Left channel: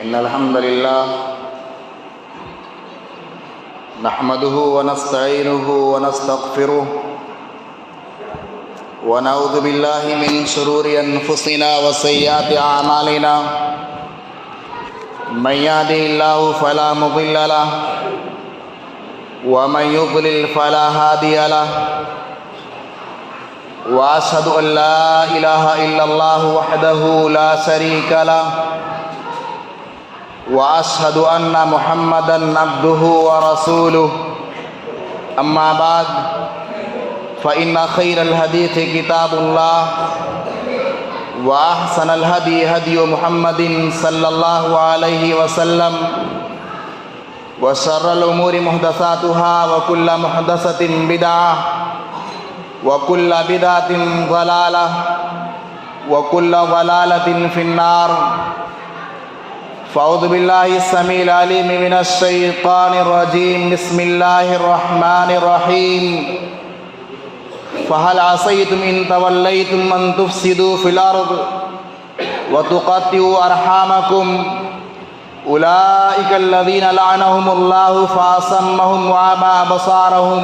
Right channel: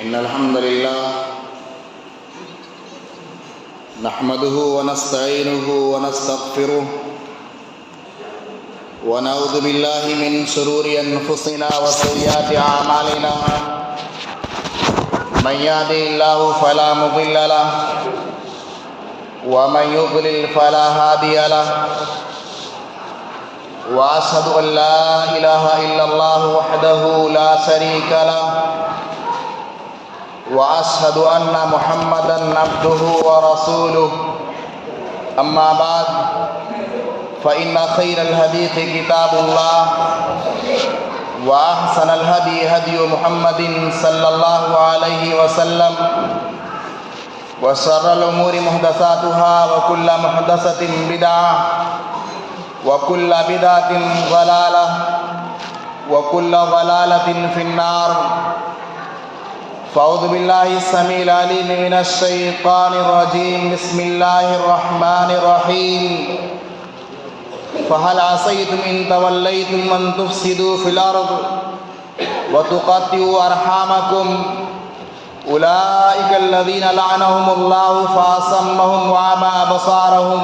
إن الحمد لله نحمده ونستعينه ونستغفره ونعوذ بالله من شرور أنفسنا وسيئات أعمالنا من يهده الله فلا مضل له ومن يضلل فلا هادي له وأشهد أن لا إله إلا الله وحده لا شريك له وأشهد أن محمدًا عبده ورسوله أما بعد فإن خير الحديث كتاب الله وأحسن الهدي هدي محمد صلى الله عليه وسلم وشر الأمور محدثاتها وكل محدثة بدعة وكل بدعة ضلالة وكل ضلالة في النار فأعوذ بالله السميع العليم من الشيطان الرجيم بسم الله الرحمن الرحيم فهل عصيتم إن توليتم أن تفسدوا في الأرض وتقطعوا أرحامكم أولئك الذين لعنهم الله فأصمهم وأعمى أبصارهم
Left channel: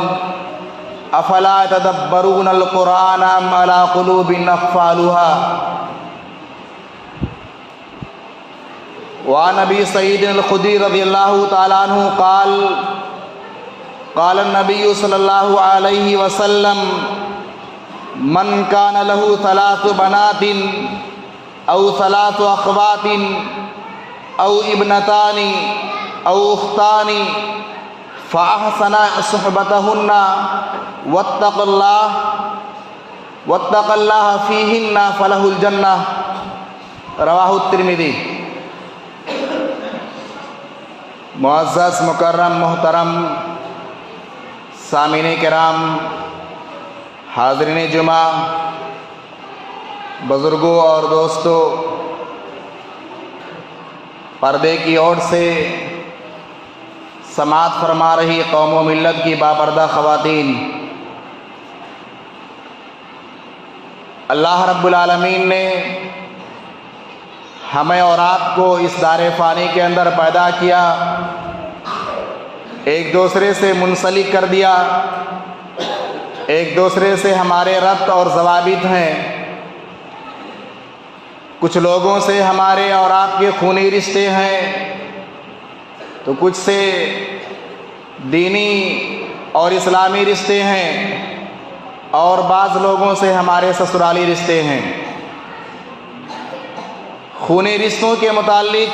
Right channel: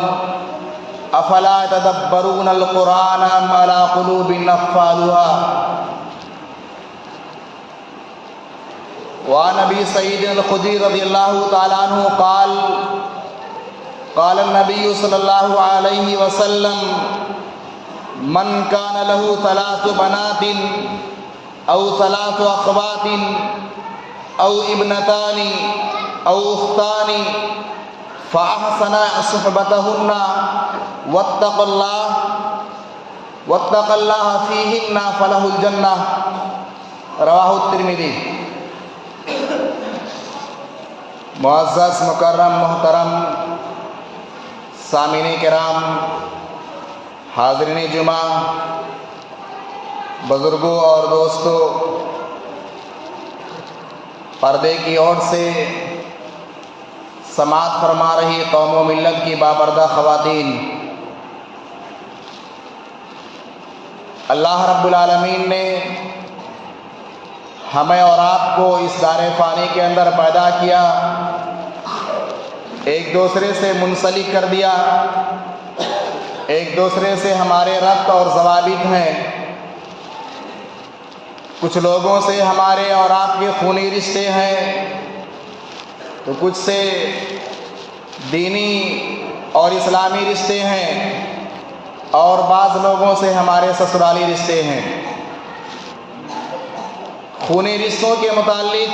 أفلا يتدبرون القرآن أم على قلوب أقفالها وعن أبي سعيد الخدري رضي الله تعالى عنه قال قال النبي صلى الله عليه وسلم من كان له ثلاث بنات أو ثلاث أخوات أو ابنتان أو أختان فأحسن صحبتهن واتقى الله فيهن فله الجنة رواه الترمذی۔ معزز مکرم محترم سامعین کرام، حاضرین جمعہ، بزرگوں اور دوستوں، پردے کی اوٹ سے سماعت فرما رہی قوم و ملت کی بابردہ خواتین، اللہ رب العالمین نے ہمیں اور آپ کو اس دار فانی کے اندر پیدا کیا، ایک دوسرے سے منسلک کر دیا، ایک دوسرے سے ہمارے ربط اور ضوابط ہیں۔ کچھ لوگوں سے ہمارے اور آپ کے خونی رشتے ہیں، تو کچھ سے دینی اور اسلامی رشتے ہیں، اور بعض لوگوں سے ہمارے سسرالی رشتے ہیں۔ خونی رشتوں کے متعلق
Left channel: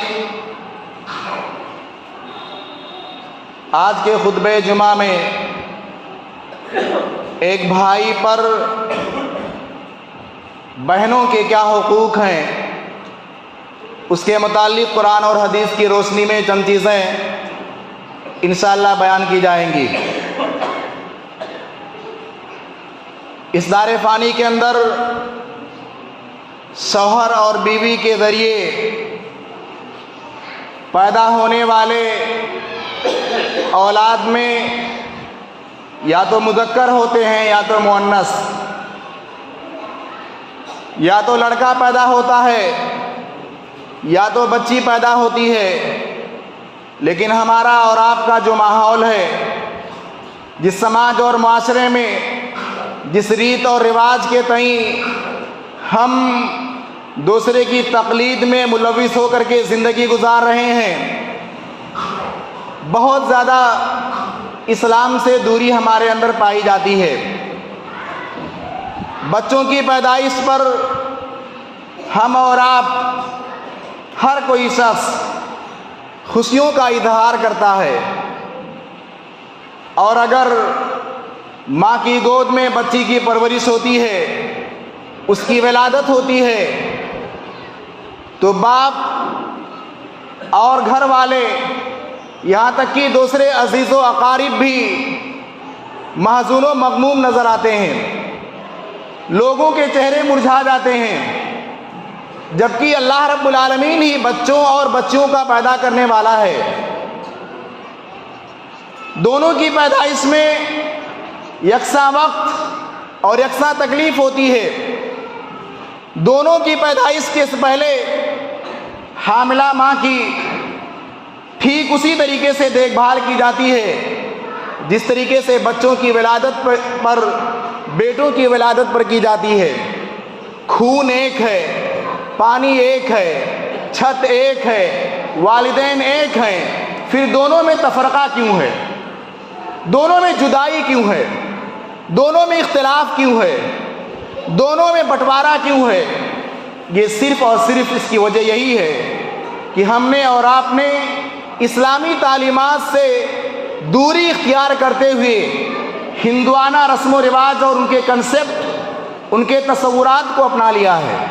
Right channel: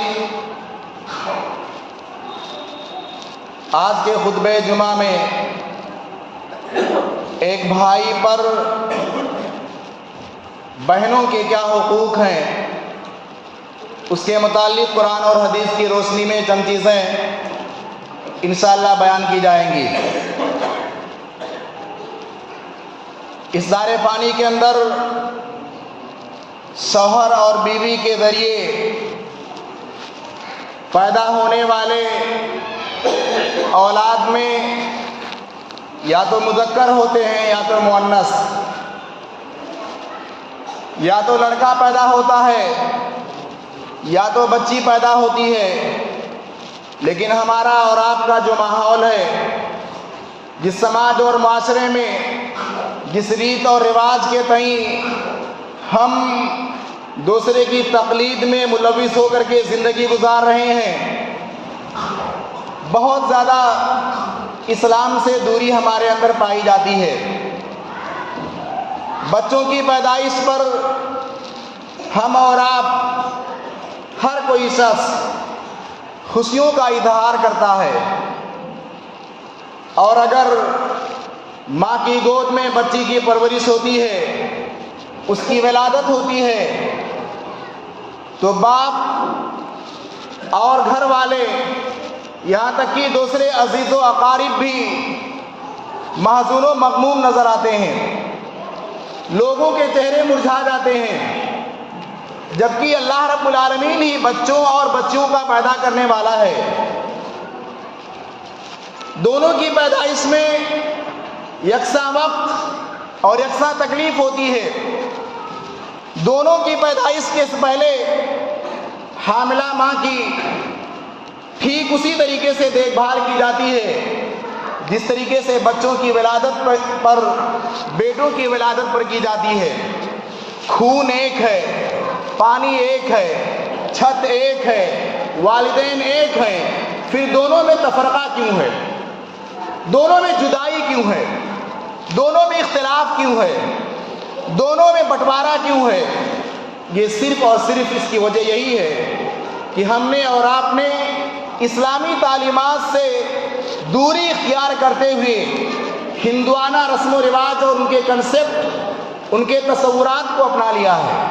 آج کے خطبہ جمعہ میں ایک بھائی پر بہنوں کے کیا حقوق ہیں، اس کے متعلق قرآن اور حدیث کی روشنی میں چند چیزیں انشاءاللہ بیان کی جائیں گی۔ اس دار فانی کے اندر شوہر اور بیوی کے ذریعے پیدا ہونے والے اولاد میں یا تو مذکر ہوتے ہیں یا تو مؤنث، یا تو لڑکا پیدا ہوتا ہے یا تو بچی پیدا ہوتی ہے، لیکن ہمارا اور آپ کا جو ماحول ہے، جس سماج اور معاشرے میں جس ریت اور رواج کے تئیں ہم دوسرے کی تقلید میں ملوث ہو کر کے زندگی گزار رہے ہیں، بہت زیادہ اسلام سے دوری ہمارے اندر پائی جاتی ہے۔ بچوں کی پیدائش پر ہم اور آپ ہر کوئی شخص خوشیوں کا اظہار کرتا ہے، اور اگر ماں کی گود میں بچی کی پرورش ہوتی ہے، اس کی ولادت ہوتی ہے، تو باپ اور گھر والے یہاں تک کہ دوسرے عزیز و اقارب بھی محزون و مغموم نظر آتے ہیں، لوگوں کے چہرے مرجھا جاتے ہیں، جبکہ اللہ رب العالمین ہی بچوں اور بچیوں کا پیدا کرنے والا ہے۔ دونوں کی پیدائش میں یکساں وقت اور یکساں تکلیف ہوتی ہے۔ دونوں کی پیدائش کے پہلے حاملہ ماں کی ٹھیک اسی طریقے سے دیکھ بھال کی جاتی ہے جس طریقے سے بچوں کی ولادت پر بیٹوں کی ولادت پر کی جاتی ہے۔ خون ایک ہے، پانی ایک ہے، چھت ایک ہے، والدین ایک ہیں، پھر دونوں میں تفرقہ کیوں ہے؟ دونوں میں جدائی کیوں ہے؟ دونوں میں اختلاف کیوں ہے؟ دونوں میں بٹوارا کیوں ہے؟ یہ صرف اور صرف اس کی وجہ یہی ہے کہ ہم نے اور آپ نے اسلامی تعلیمات سے دوری اختیار کرتے ہوئے ہندوانہ رسم و رواج اور ان کے کنسپٹ، ان کے تصورات کو اپنا لیا ہے۔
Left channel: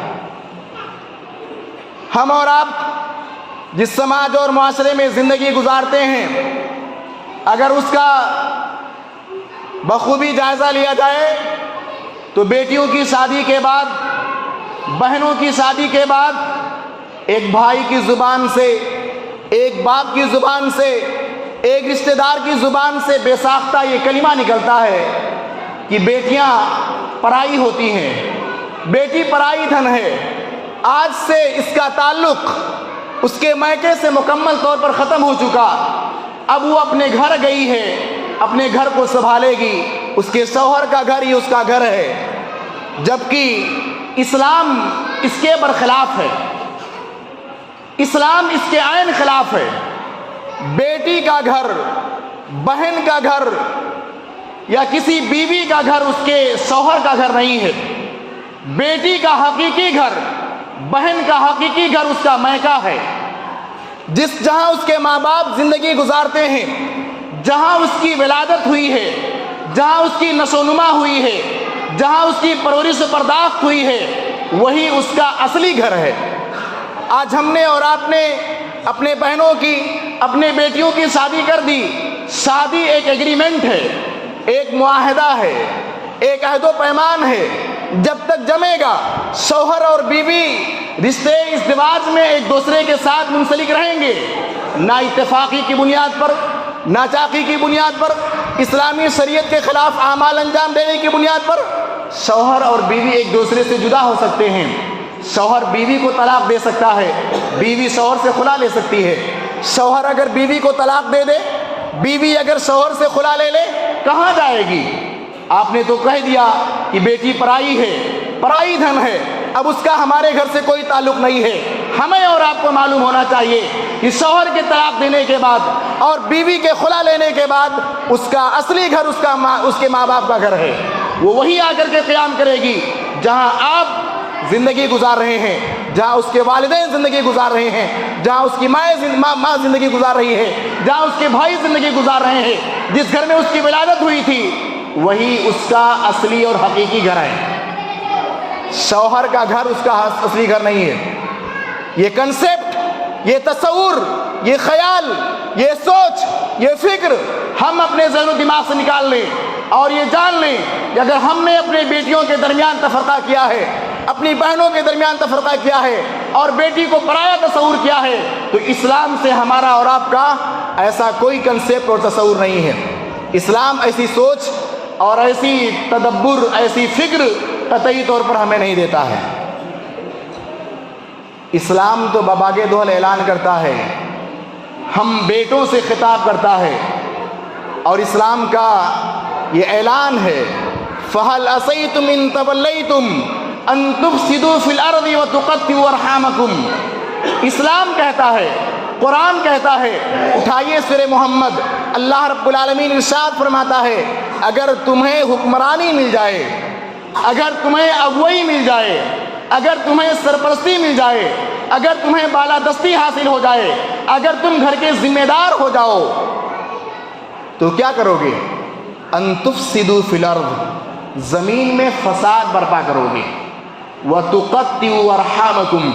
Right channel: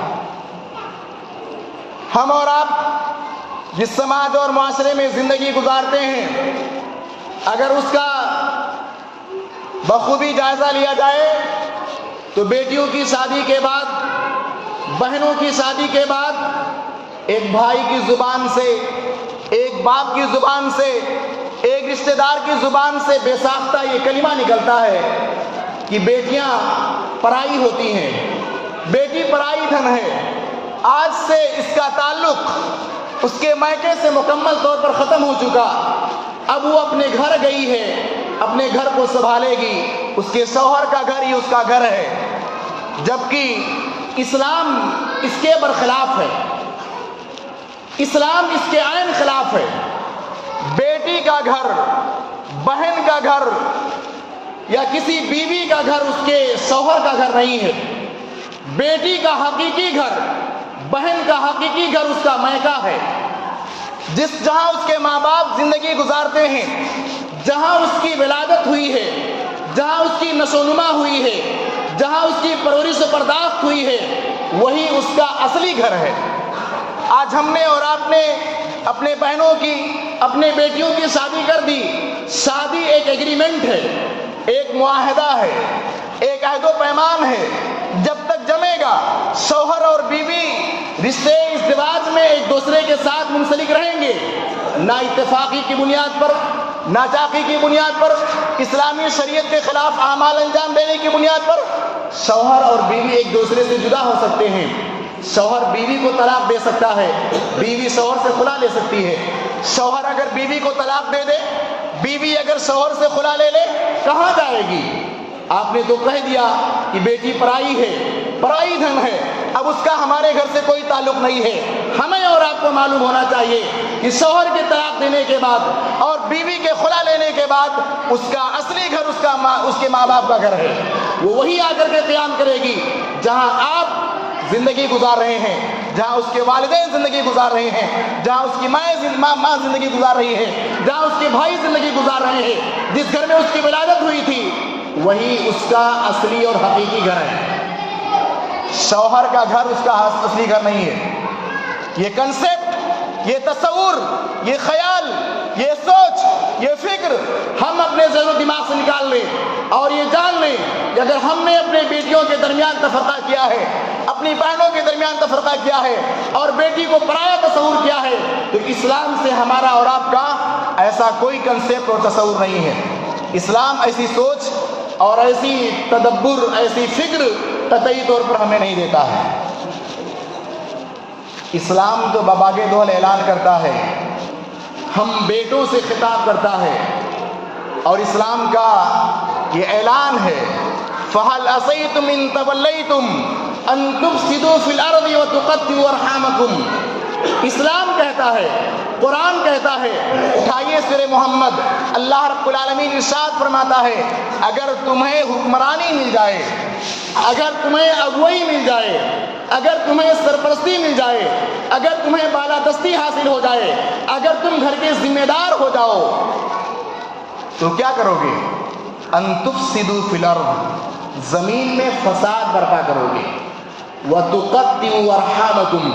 ہم اور آپ جس سماج اور معاشرے میں زندگی گزارتے ہیں، اگر اس کا بخوبی جائزہ لیا جائے تو بیٹیوں کی شادی کے بعد، بہنوں کی شادی کے بعد ایک بھائی کی زبان سے، ایک باپ کی زبان سے، ایک رشتہ دار کی زبان سے بے ساختہ یہ کلمہ نکلتا ہے کہ بیٹیاں پرائی ہوتی ہیں، بیٹی پرائی دھن ہے۔ آج سے اس کا تعلق اس کے میکے سے مکمل طور پر ختم ہو چکا۔ اب وہ اپنے گھر گئی ہے، اپنے گھر کو سنبھالے گی، اس کے شوہر کا گھر ہی اس کا گھر ہے، جبکہ اسلام اس کے برخلاف ہے۔ اسلام اس کے عین خلاف ہے۔ بیٹی کا گھر، بہن کا گھر یا کسی بیوی کا گھر اس کے شوہر کا گھر نہیں ہے۔ بیٹی کا حقیقی گھر، بہن کا حقیقی گھر اس کا میکہ ہے، جہاں اس کے ماں باپ زندگی گزارتے ہیں، جہاں اس کی ولادت ہوئی ہے، جہاں اس کی نشو و نما ہوئی ہے، جہاں اس کی پرورش و پرداخت ہوئی ہے، وہی اس کا اصلی گھر ہے۔ آج ہم نے اور آپ نے اپنے بہنوں کی، اپنے بیٹیوں کی شادی کر دی۔ شادی ایک ایگریمنٹ ہے، ایک معاہدہ ہے، ایک عہد و پیمان ہے۔ جب تک جمے گا شوہر اور بیوی رشتے ازدواج میں ایک دوسرے کے ساتھ منسلک رہیں گے، نہ اتفاقی کی بنیاد پر، نہ چاقی کی بنیاد پر، اسلامی شریعت کے خلاف اعمال انجام دینے کی بنیاد پر شوہر اور بیوی ایک دوسرے سے جدا ہو سکتے ہیں۔ شوہر بیوی کو طلاق دے سکتا ہے، بیوی شوہر سے خلا لے سکتی ہے۔ شوہر اگر بیوی کو طلاق دے دے، بیوی اگر شوہر سے خلا لے لے، کہاں جائے گی؟ آپ نے تو کہہ دیا کہ بیٹی پرائی ہے، پرائی دھن ہے، اب اس کا ہمارے گھر سے کوئی تعلق نہیں ہے۔ ہمیں اور آپ کو معلوم ہونا چاہیے کہ شوہر کے طلاق دینے کے بعد اور بیوی کے خلا لینے کے بعد اس کا اصلی گھر اس کے ماں باپ کا گھر ہے۔ وہ وہی آ کر کے قیام کرے گی جہاں آپ زندگی گزار رہے ہیں، جہاں اس کے والدین زندگی گزار رہے ہیں، جہاں اس کی ماں زندگی گزار رہی ہے، جہاں اس کے بھائی زندگی گزار رہے ہیں، جس گھر میں اس کی ولادت ہوئی تھی، وہی اس کا اصلی اور حقیقی گھر ہے۔ شوہر کا گھر اس کا اصلی گھر نہیں ہے۔ یہ کنسپٹ، یہ تصور، یہ خیال، یہ سوچ، یہ فکر ہم اپنے ذہن و دماغ سے نکال لیں اور یہ جان لیں کہ اگر ہم نے اپنے بیٹیوں کے درمیان تفرقہ کیا ہے، اپنی بہنوں کے درمیان تفرقہ کیا ہے اور بیٹی کو پرایا تصور کیا ہے، تو اسلام سے ہمارا اور آپ کا ایسا کوئی کنسپٹ اور تصور نہیں ہے۔ اسلام ایسی سوچ اور ایسی تدبر، ایسی فکر قطعی طور پر ہمیں نہیں دیتا ہے۔ اسلام تو بباغ دول اعلان کرتا ہے، ہم بیٹوں سے خطاب کرتا ہے، اور اسلام کا یہ اعلان ہے فَهَلْ عَصَيْتُمْ إِن تَوَلَّيْتُمْ أَن تُفْسِدُوا فِي الْأَرْضِ وَتُقَطِّعُوا أَرْحَامَكُمْ۔ اسلام کہتا ہے، قرآن کہتا ہے، اٹھائیے سورہ محمد، اللہ رب العالمین ارشاد فرماتا ہے اگر تمہیں حکمرانی مل جائے، اگر تمہیں اگوئی مل جائے، اگر تمہیں سرپرستی مل جائے، اگر تمہیں بالادستی حاصل ہو جائے، اگر تم گھر کے ذمہ دار ہو جاؤ، تو کیا کرو گے؟ ان تفسدوا فی الارض، زمین میں فساد برپا کرو گے، وتقطعوا ارحامکم،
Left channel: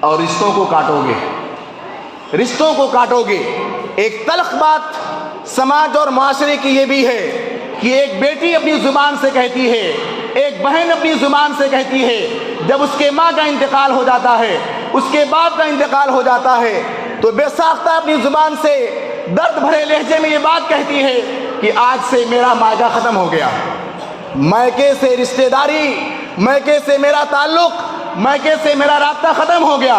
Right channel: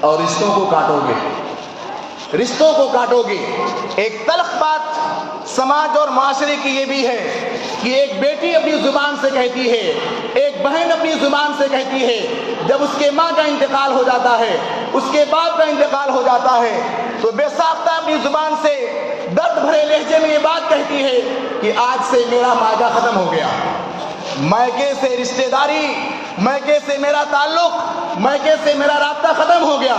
اور رشتوں کو کاٹو گے، رشتوں کو کاٹو گے۔ ایک تلخ بات سماج اور معاشرے کی یہ بھی ہے کہ ایک بیٹی اپنی زبان سے کہتی ہے، ایک بہن اپنی زبان سے کہتی ہے، جب اس کے ماں کا انتقال ہو جاتا ہے، اس کے باپ کا انتقال ہو جاتا ہے، تو بے ساختہ اپنی زبان سے درد بھرے لہجے میں یہ بات کہتی ہے کہ آج سے میرا ماجا ختم ہو گیا، میکے سے رشتہ داری، میکے سے میرا تعلق، میکے سے میرا رابطہ ختم ہو گیا۔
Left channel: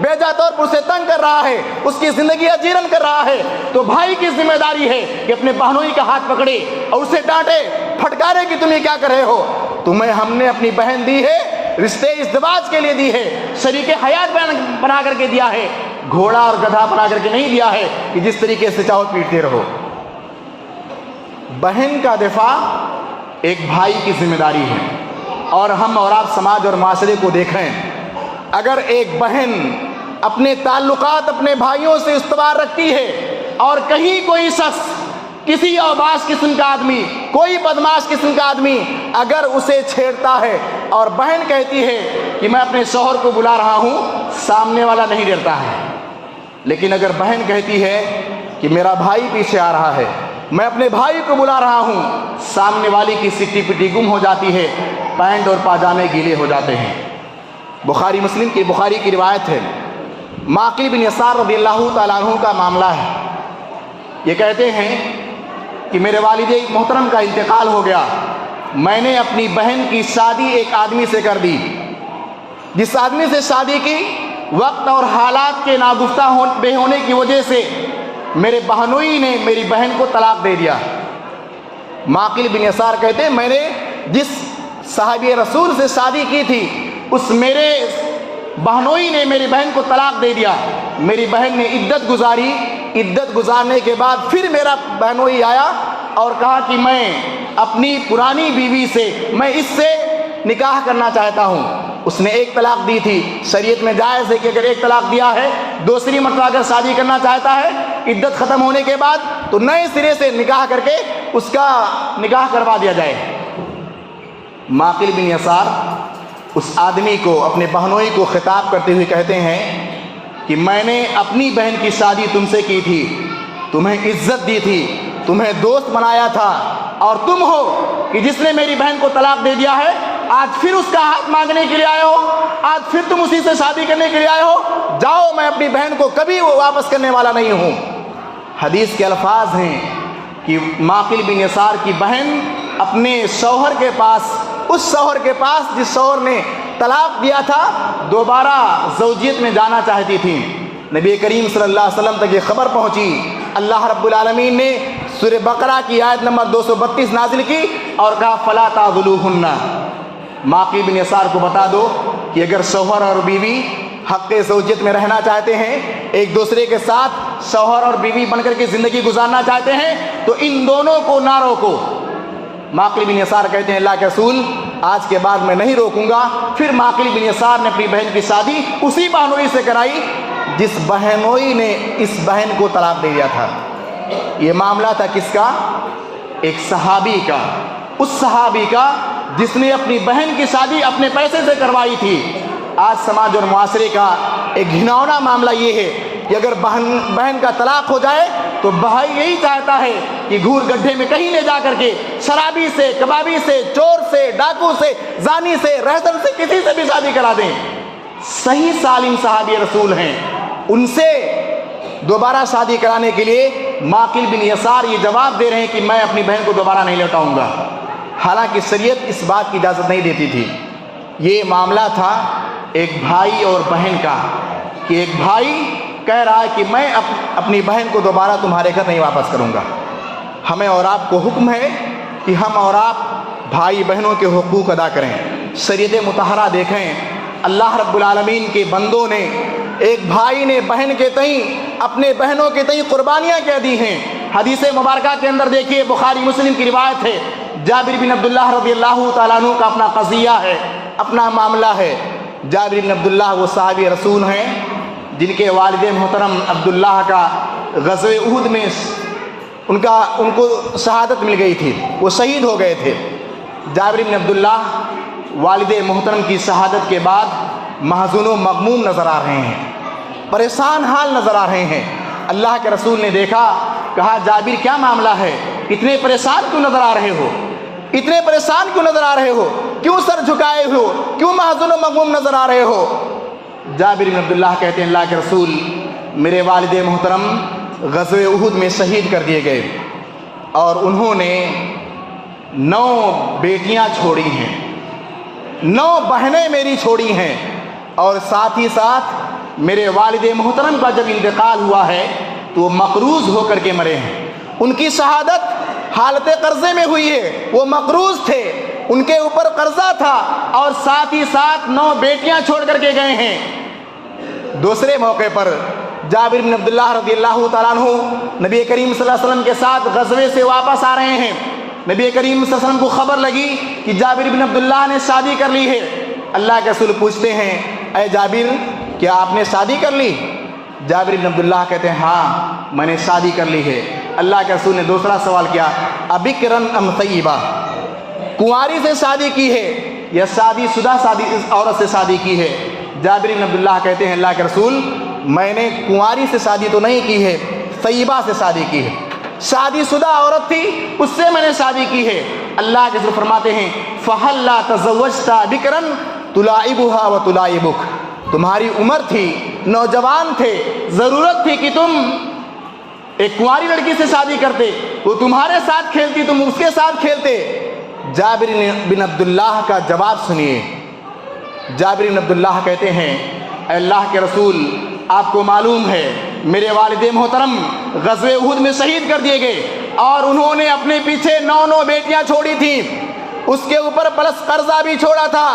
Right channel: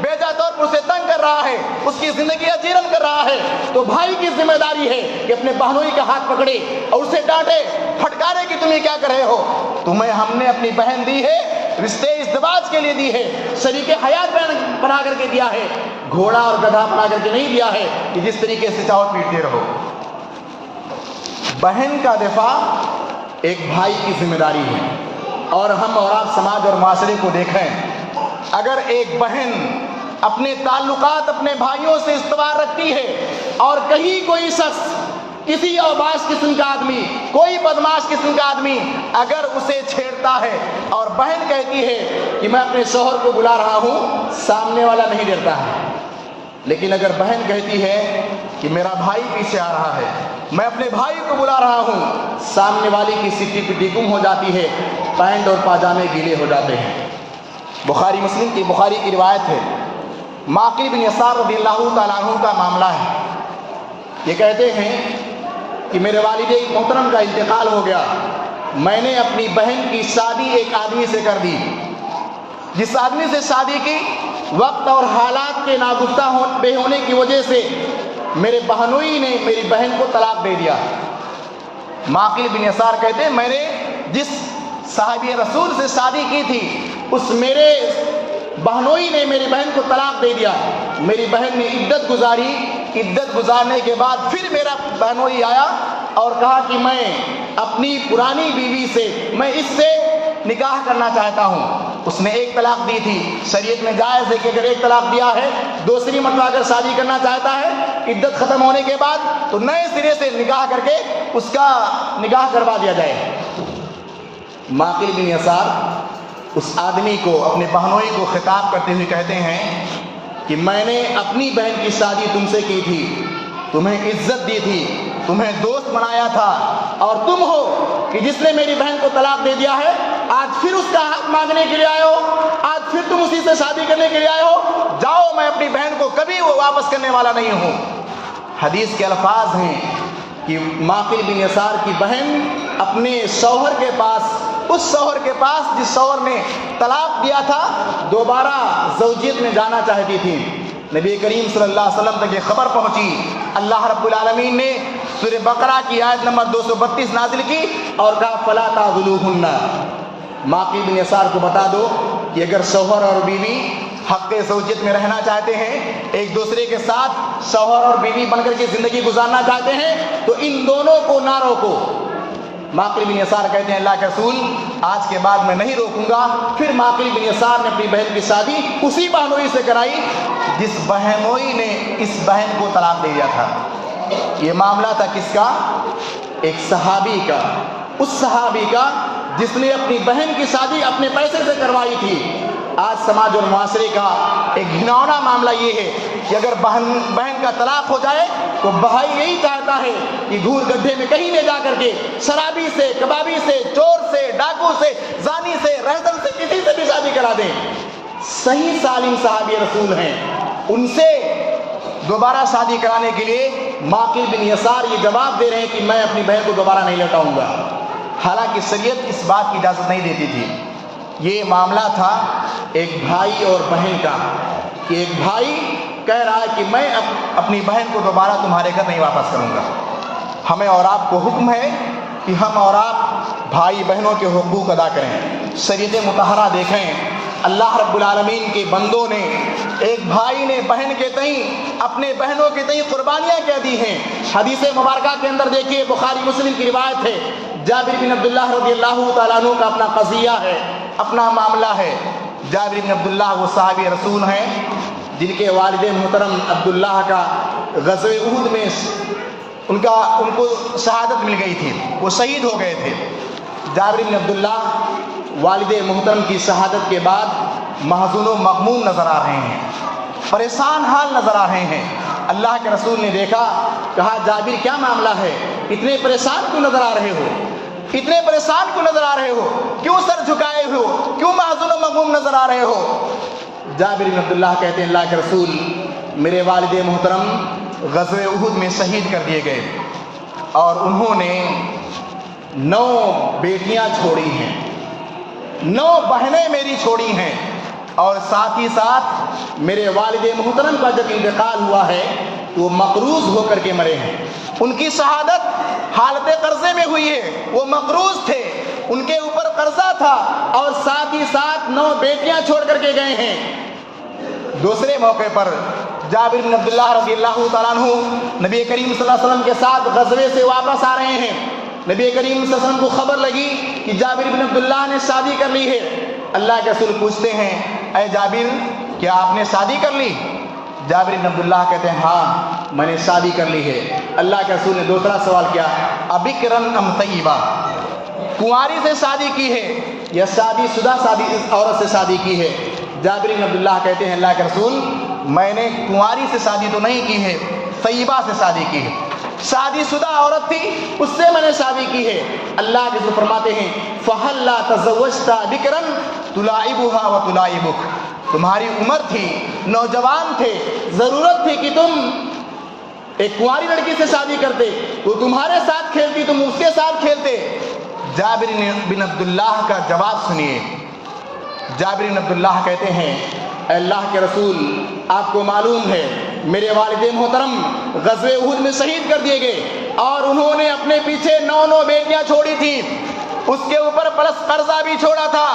بیجا طور پر اسے تنگ کر رہا ہے, اس کی زندگی اجیرن کر رہا ہے, تو بھائی کی ذمہ داری ہے کہ اپنے بہنوئی کا ہاتھ پکڑے اور اسے ڈانٹے, پھٹکارے کہ تم یہ کیا کر رہے ہو. تمہیں ہم نے اپنی بہن دی ہے, رشتے ازدواج کے لیے دی ہے, شریک حیات بنا کر کے دیا ہے, گھوڑا اور گدھا بنا کر کے نہیں دیا ہے کہ جس طریقے سے چاہو پیٹتے رہو. بہن کا دفاع ایک بھائی کی ذمہ داری ہے. اور ہم اور آپ سماج اور معاشرے کو دیکھیں, اگر ایک بہن اپنے تعلقات اپنے بھائیوں سے استوار رکھتی ہے اور کہیں کوئی شخص, کسی اوباش قسم کا آدمی, کوئی بدماش قسم کا آدمی اگر اسے چھیڑتا ہے اور بہن کہتی ہے کہ میں اپنے شوہر کو بلا رہا ہوں, سامنے والا نہیں ڈرتا ہے. لیکن اگر بہن کہتی ہے کہ میرا بھائی پیچھے آ رہا ہے, میں اپنے بھائی کو بلا رہا ہوں, سامنے والی کی سٹی پٹی گم ہو جاتی ہے, پینٹ اور پاجامے گیلے ہو جاتے ہیں. بخاری کی روایت ہے, معقل بن یسار رضی اللہ تعالیٰ عنہ کا معاملہ ہے. یہ کہتے ہیں کہ میرے والد محترم کا انتقال ہو گیا, میں نے اپنی بہن کی شادی ایک آدمی سے کر دی. جس آدمی سے شادی کی, وقت اور حالات کے ناگفتہ بے ہونے کی وجہ سے میرے بہنوئی نے میری بہن کو طلاق دے دیا. معقل بن یسار کہتے ہیں میں نے جس صحابی رسول سے شادی کی تھی, اس میرے بہنوئی نے میری بہن کو طلاق دے دیا. میری بہن نے عدت گزاری, عدت گزارنے کے بعد پھر میرا بہنوئی آیا اور کہا کہ میں اپنی پرانی بیوی سے, میں اس سے نکاح کرنا چاہتا ہوں. اس نے ایک طلاق دی تھی, شریعت میں جائز ہے کہ اگر ایک طلاق دیا ہے, دوسری مرتبہ اگر شادی کرنا چاہتا ہے عدت ختم ہونے کے بعد, تو نئے سرے سے نکاح کر کے اس کا نکاح کروا دیا جائے. معقل بن یسار اس آدمی کو, اپنے بہنوئی کو خطاب کرتے ہوئے کہتے ہیں کہ میں نے اپنی بہن کی شادی تم سے کی تھی, تمہیں عزت دی تھی, تمہیں دوست بنایا تھا, اور تم ہو کہ جس نے میری بہن کو طلاق دے دیا ہے, آج پھر اس کا ہاتھ مانگنے کے لیے آئے ہو, آج پھر تم اسی سے شادی کرنے کے لیے آئے ہو. جاؤ, میں اپنی بہن کو کبھی وہ واپس کرنے والا نہیں ہوں. حدیث کے الفاظ ہیں کہ معقل بن یسار کی بہن اپنے شوہر کے پاس, اس شوہر کے پاس جس شوہر نے طلاق دیا تھا, دوبارہ زوجیت میں جانا چاہتی تھی. نبی کریم صلی اللہ علیہ وسلم تک یہ خبر پہنچی. اللہ رب العالمین نے سورہ بقرہ کی آیت نمبر 232 نازل کی اور کہا فلا تعذلوہن. معقل بن یسار کو بتا دو کہ اگر شوہر اور بیوی حق زوجیت میں رہنا چاہتے ہیں, ایک دوسرے کے ساتھ شوہر اور بیوی بن کر کے زندگی گزارنا چاہتے ہیں, تو ان دونوں کو نہ روکو. معقل بن یسار کہتے ہیں اللہ کے رسول آج کے بعد میں نہیں روکوں گا. پھر معقل بن یسار نے اپنی بہن کی شادی اسی بہنوئی سے کرائی جس بہنوئی نے اس بہن کو طلاق دے دیا تھا. یہ معاملہ تھا کس کا؟ ایک صحابی کا, اس صحابی کا جس نے اپنی بہن کی شادی اپنے پیسے سے کروائی تھی. آج سماج اور معاشرے کا ایک گھناؤنا معاملہ یہ ہے کہ اگر بہن کا طلاق ہو جائے تو بھائی یہی چاہتا ہے کہ گھور گڈھے میں کہیں لے جا کر کے شرابی سے, کبابی سے, چور سے, ڈاکو سے, زانی سے, رہزن سے, کسی سے بھی شادی کرا دیں. صحیح سالم صحابی رسول ہیں, ان سے دوبارہ شادی کرانے کے لیے معقل بن یسار یہ جواب دے رہے ہیں کہ میں اپنی بہن کو دوبارہ نہیں لوٹاؤں گا. حالانکہ شریعت اس بات کی اجازت نہیں دیتی تھی. یہ معاملہ تھا ایک بھائی اور بہن کا کہ ایک بھائی کہہ رہا ہے کہ میں اپنی بہن کو دوبارہ تمہارے گھر نہیں واپس کروں گا. ہمیں اور آپ کو حکم ہے کہ ہم اور آپ بھائی بہنوں کے حقوق ادا کریں. شریعت مطہرہ دیکھیں, اللہ رب العالمین کے بندوں نے, ایک بھائی نے بہن کے تئیں, اپنے بہنوں کے تئیں قربانیاں کہہ دی ہیں. حدیث مبارکہ کے اندر دیکھیے, بخاری مسلم کی روایت ہے, جابر بن عبداللہ رضی اللہ تعالیٰ عنہ کا اپنا قضیہ ہے, اپنا معاملہ ہے. جابر بن عبداللہ وہ صحابی رسول ہیں جن کے والد محترم عبداللہ کا غزوہ احد میں ان کو شہادت مل گئی تھی, وہ شہید ہو گئے تھے. جابر بن عبداللہ والد محترم کی شہادت کے بعد محزون و مغموم نظر آ رہے ہیں, پریشان حال نظر آ رہے ہیں. اللہ کے رسول نے دیکھا, کہا جابر کیا معاملہ ہے, اتنے پریشان کیوں نظر آ رہے ہو, اتنے پریشان کیوں نظر آ رہے ہو, کیوں سر جھکائے ہو, کیوں محزون و مغموم نظر آ رہے ہو. جابر بن عبداللہ کہتے ہیں اللہ کے رسول میرے والد محترم غزوہ احد میں شہید کر دیے گئے اور انہوں نے 9 بیٹیاں چھوڑی ہیں, 9 بہنیں میری چھوڑی ہیں. اور ساتھ ہی ساتھ میرے والد محترم کا جب انتقال ہوا ہے تو وہ مقروض ہو کر کے مرے ہیں. ان کی شہادت حالت قرضے میں ہوئی ہے. وہ مقروض تھے, ان کے اوپر قرضہ تھا, اور ساتھ ہی ساتھ 9 بیٹیاں چھوڑ کر کے گئے ہیں. دوسرے موقع پر جابر بن عبداللہ رضی اللہ تعالیٰ عنہ نبی کریم صلی اللہ علیہ وسلم کے ساتھ غزوے سے واپس آ رہے ہیں. نبی کریم صلی اللہ علیہ وسلم کو خبر لگی کہ جابر بن عبداللہ نے شادی کر لی ہے. اللہ کے رسول پوچھتے ہیں, اے جابر, کیا آپ نے شادی کر لی؟ جابر بن عبداللہ کہتے ہیں, ہاں میں نے شادی کر لی ہے. اللہ کے رسول نے دوسرا سوال کیا, ابکرن ام طیبہ, کنواری سے شادی کی ہے یا شادی شدہ عورت سے شادی کی ہے؟ جابر بن عبداللہ کہتے ہیں, اللہ کے رسول, میں نے کنواری سے شادی تو نہیں کی ہے, طیبہ سے شادی کی ہے. شادی شدہ عورت تھی, اس سے میں نے شادی کی ہے. اللہ کے رسول فرماتے ہیں, فَهَلْ لَا تَزَوَّجْتَ بِكْرًا تُلَاعِبُهَا وَتُلَاعِبُكَ, تمہاری عمر تھی, نوجوان تھے, ضرورت تھی کہ تم ایک کنواری لڑکی سے شادی کرتے, وہ تمہارے ساتھ کھیلتی, تم اس کے ساتھ کھیلتے. جابر بن عبداللہ کا جواب سنیے. جابر بن عبداللہ کہتے ہیں, اے اللہ کے رسول, آپ کو معلوم ہے میرے والد محترم غزوہ احد میں شہید کر دیے گئے, اور انہوں نے اپنے پیچھے 9 بیٹیاں چھوڑی تھیں, اس کے اوپر پلس قرضہ بھی چھوڑا تھا.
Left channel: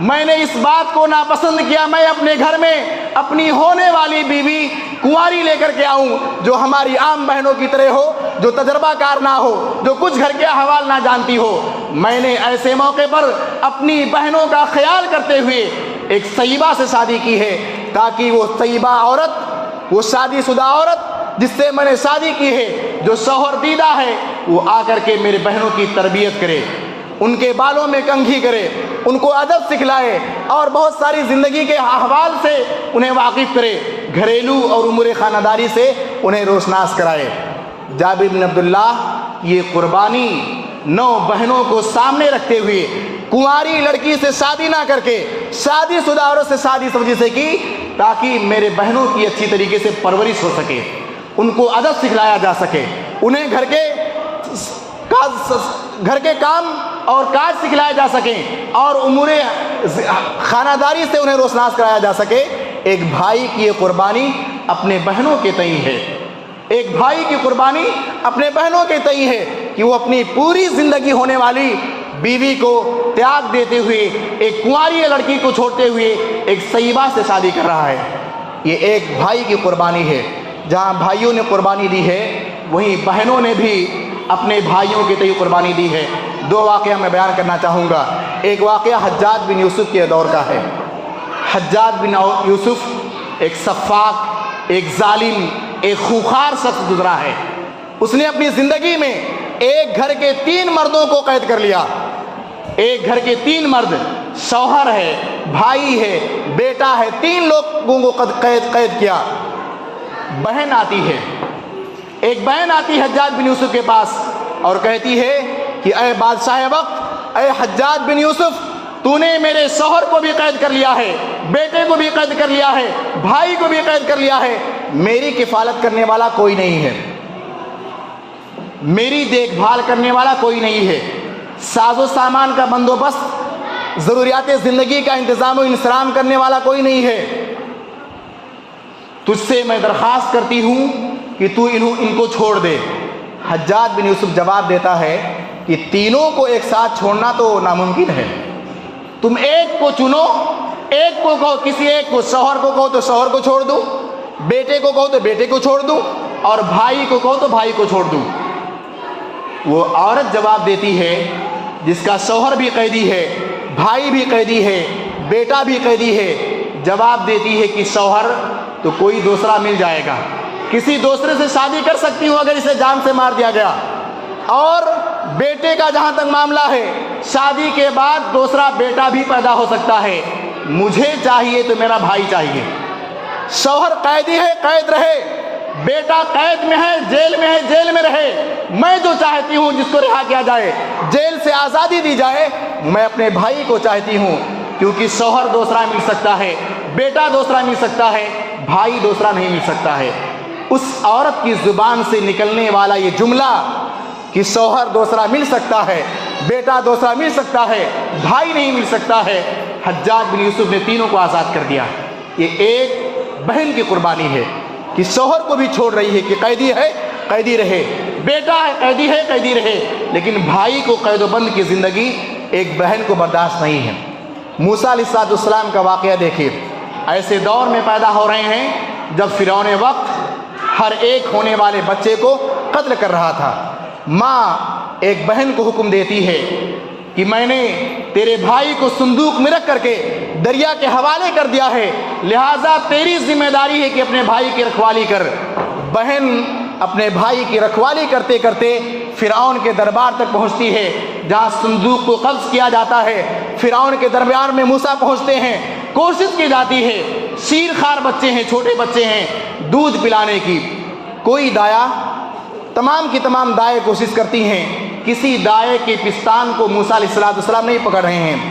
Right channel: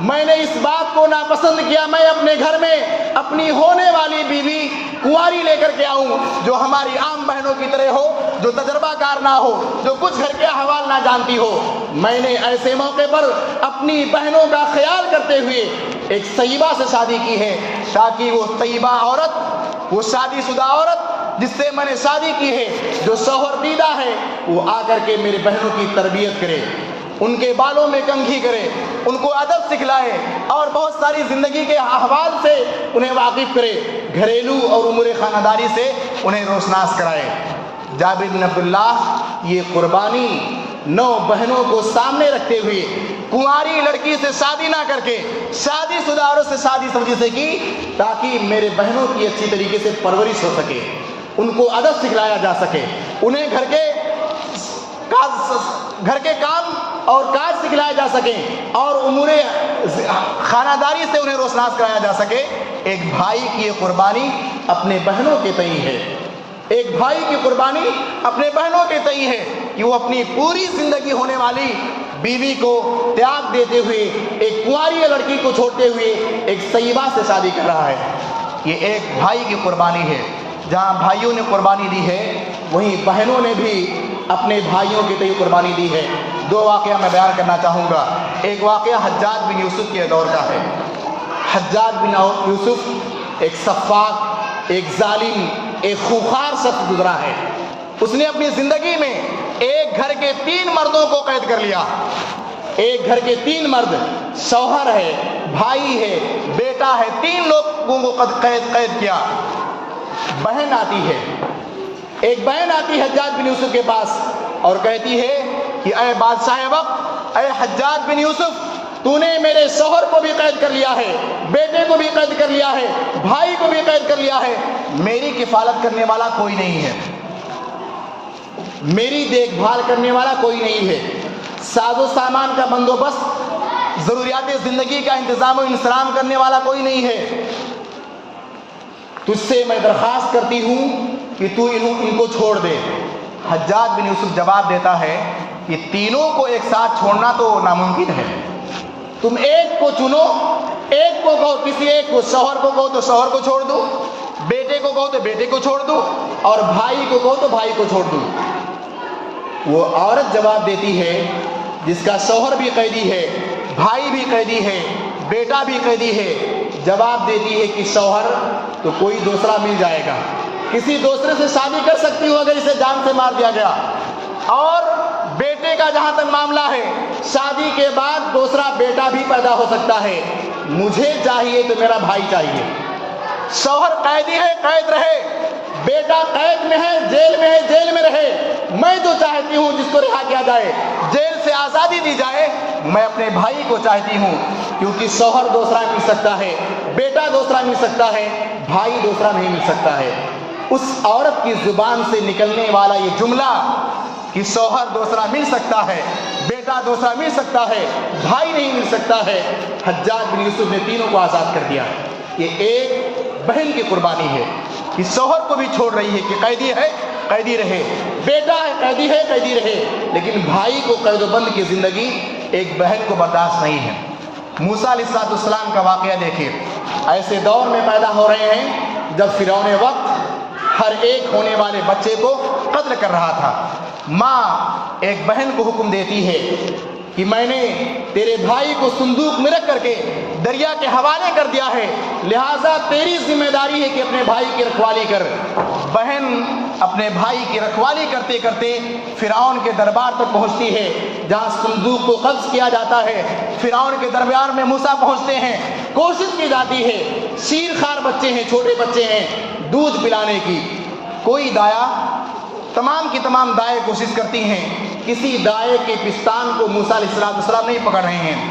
میں نے اس بات کو ناپسند کیا, میں اپنے گھر میں اپنی ہونے والی بیوی کنواری لے کر کے آؤں جو ہماری عام بہنوں کی طرح ہو, جو تجربہ کار نہ ہو, جو کچھ گھر کے احوال نہ جانتی ہو. میں نے ایسے موقع پر اپنی بہنوں کا خیال کرتے ہوئے ایک طیبہ سے شادی کی ہے, تاکہ وہ طیبہ عورت, وہ شادی شدہ عورت جس سے میں نے شادی کی ہے, جو شوہر دیدہ ہے, وہ آ کر کے میرے بہنوں کی تربیت کرے, ان کے بالوں میں کنگھی کرے, ان کو ادب سکھلائے, اور بہت ساری زندگی کے احوال سے انہیں واقف کرے, گھریلو اور امور خانہ داری سے انہیں روشناس کرائے. جابر بن عبداللہ یہ قربانی 9 بہنوں کو سامنے رکھتے ہوئے کنواری لڑکی سے شادی نہ کر کے شادی شدہ عورت سے شادی سمجھی سے کی, تاکہ میرے بہنوں کی اچھی طریقے سے پرورش ہو سکے, ان کو ادب سکھلایا جا سکے, انہیں گھر کے کام اور کاج سکھلائے جا سکیں, اور امور خانہ داری سے انہیں روشناس کرایا جا سکے. ایک بھائی کی یہ قربانی اپنے بہنوں کے تئیں ہے, ایک بھائی کی قربانی اپنے بہنوں کے تئیں ہے کہ وہ اپنی پوری زندگی ہونے والی بیوی کو تیاگ دیتے ہوئے ایک کنواری لڑکی کو چھوڑتے ہوئے ایک طیبہ سے شادی کر رہا ہے. یہ ایک بھائی کی قربانی ہے. جہاں بھائیوں نے قربانی دی ہے, وہیں بہنوں نے بھی اپنے بھائیوں کے تئیں قربانی دی ہے. 2 واقعہ میں بیان کرنا چاہوں گا. ایک واقعہ حجاج بن یوسف کے دور کا ہے. حجاج بن یوسف ایک سفاک, ایک ظالم, ایک خوخار شخص گزرا ہے. اس نے اپنی زندگی میں ایک گھر کے 3 مردوں کو قید کر لیا. ایک گھر کے 3 مرد, شوہر ہے, بھائی ہے, بیٹا ہے, 3 لوگوں کو قید کیا. بہن آتی ہے, ایک بہن آتی ہے حجاج بن یوسف کے پاس اور کہتی ہے کہ اے بادشاہ وقت, اے حجاج بن یوسف, تو نے میرے شوہر کو بھی قید کر لیا ہے, بیٹے کو بھی قید کر لیا ہے, بھائی کو بھی قید کر لیا ہے, میری کفالت کرنے والا کوئی نہیں ہے, میری دیکھ بھال کرنے والا کوئی نہیں ہے, ساز و سامان کا بندوبست, ضروریات زندگی کا انتظام و انصرام کرنے والا کوئی نہیں ہے. تجھ سے میں درخواست کرتی ہوں کہ تو ان کو چھوڑ دے. حجاج بن یوسف جواب دیتا ہے کہ تینوں کو ایک ساتھ چھوڑنا تو ناممکن ہے. تم ایک کو چنو, ایک کو کہو, کسی ایک کو, شوہر کو کہو تو شوہر کو چھوڑ دو, بیٹے کو کہو تو بیٹے کو چھوڑ دو, اور بھائی کو کہو تو بھائی کو چھوڑ دو. وہ عورت جواب دیتی ہے جس کا شوہر بھی قیدی ہے, بھائی بھی قیدی ہے, بیٹا بھی قیدی ہے, جواب دیتی ہے کہ شوہر تو کوئی دوسرا مل جائے گا, کسی دوسرے سے شادی کر سکتی ہو اگر اسے جان سے مار دیا گیا. اور بیٹے کا جہاں تک معاملہ ہے, شادی کے بعد دوسرا بیٹا بھی پیدا ہو سکتا ہے. مجھے چاہیے تو میرا بھائی چاہیے. شوہر قیدی ہے, قید رہے, بیٹا قید میں ہے, جیل میں ہے, جیل میں رہے. میں جو چاہتی ہوں جس کو رہا کیا جائے, جیل سے آزادی دی جائے, میں اپنے بھائی کو چاہتی ہوں, کیونکہ شوہر دوسرا مل سکتا ہے, بیٹا دوسرا مل سکتا ہے, بھائی دوسرا نہیں مل سکتا ہے. اس عورت کی زبان سے نکلنے والا یہ جملہ کہ شوہر دوسرا مل سکتا ہے, بیٹا دوسرا مل سکتا ہے, بھائی نہیں مل سکتا ہے. حجاج بن یوسف نے تینوں کو آزاد کر دیا. یہ ایک بہن کی قربانی ہے کہ شوہر کو بھی چھوڑ رہی ہے کہ قیدی ہے قیدی رہے, بیٹا ہے قیدی رہے, لیکن بھائی کو قید و بند کی زندگی ایک بہن کو برداشت نہیں ہے. موسیٰ علیہ السلام کا واقعہ دیکھیے. ایسے دور میں پیدا ہو رہے ہیں جب فرعون وقت ہر ایک ہونے والے بچے کو قتل کر رہا تھا. ماں ایک بہن کو حکم دیتی ہے کہ میں نے تیرے بھائی کو صندوق میں رکھ کر کے دریا کے حوالے کر دیا ہے, لہٰذا تیری ذمہ داری ہے کہ اپنے بھائی کی رکھوالی کر. بہن اپنے بھائی کی رکھوالی کرتے کرتے فرعون کے دربار تک پہنچتی ہے جہاں صندوق کو قبض کیا جاتا ہے. فرعون کے درمیان میں موسیٰ پہنچتے ہیں, کوشش کی جاتی ہے, شیر خوار بچے ہیں, چھوٹے بچے ہیں, دودھ پلانے کی. کوئی دایا, تمام کی تمام دائیں کوشش کرتی ہیں, کسی دائے کے پستان کو موسیٰ علیہ السلام نہیں پکڑ رہے ہیں.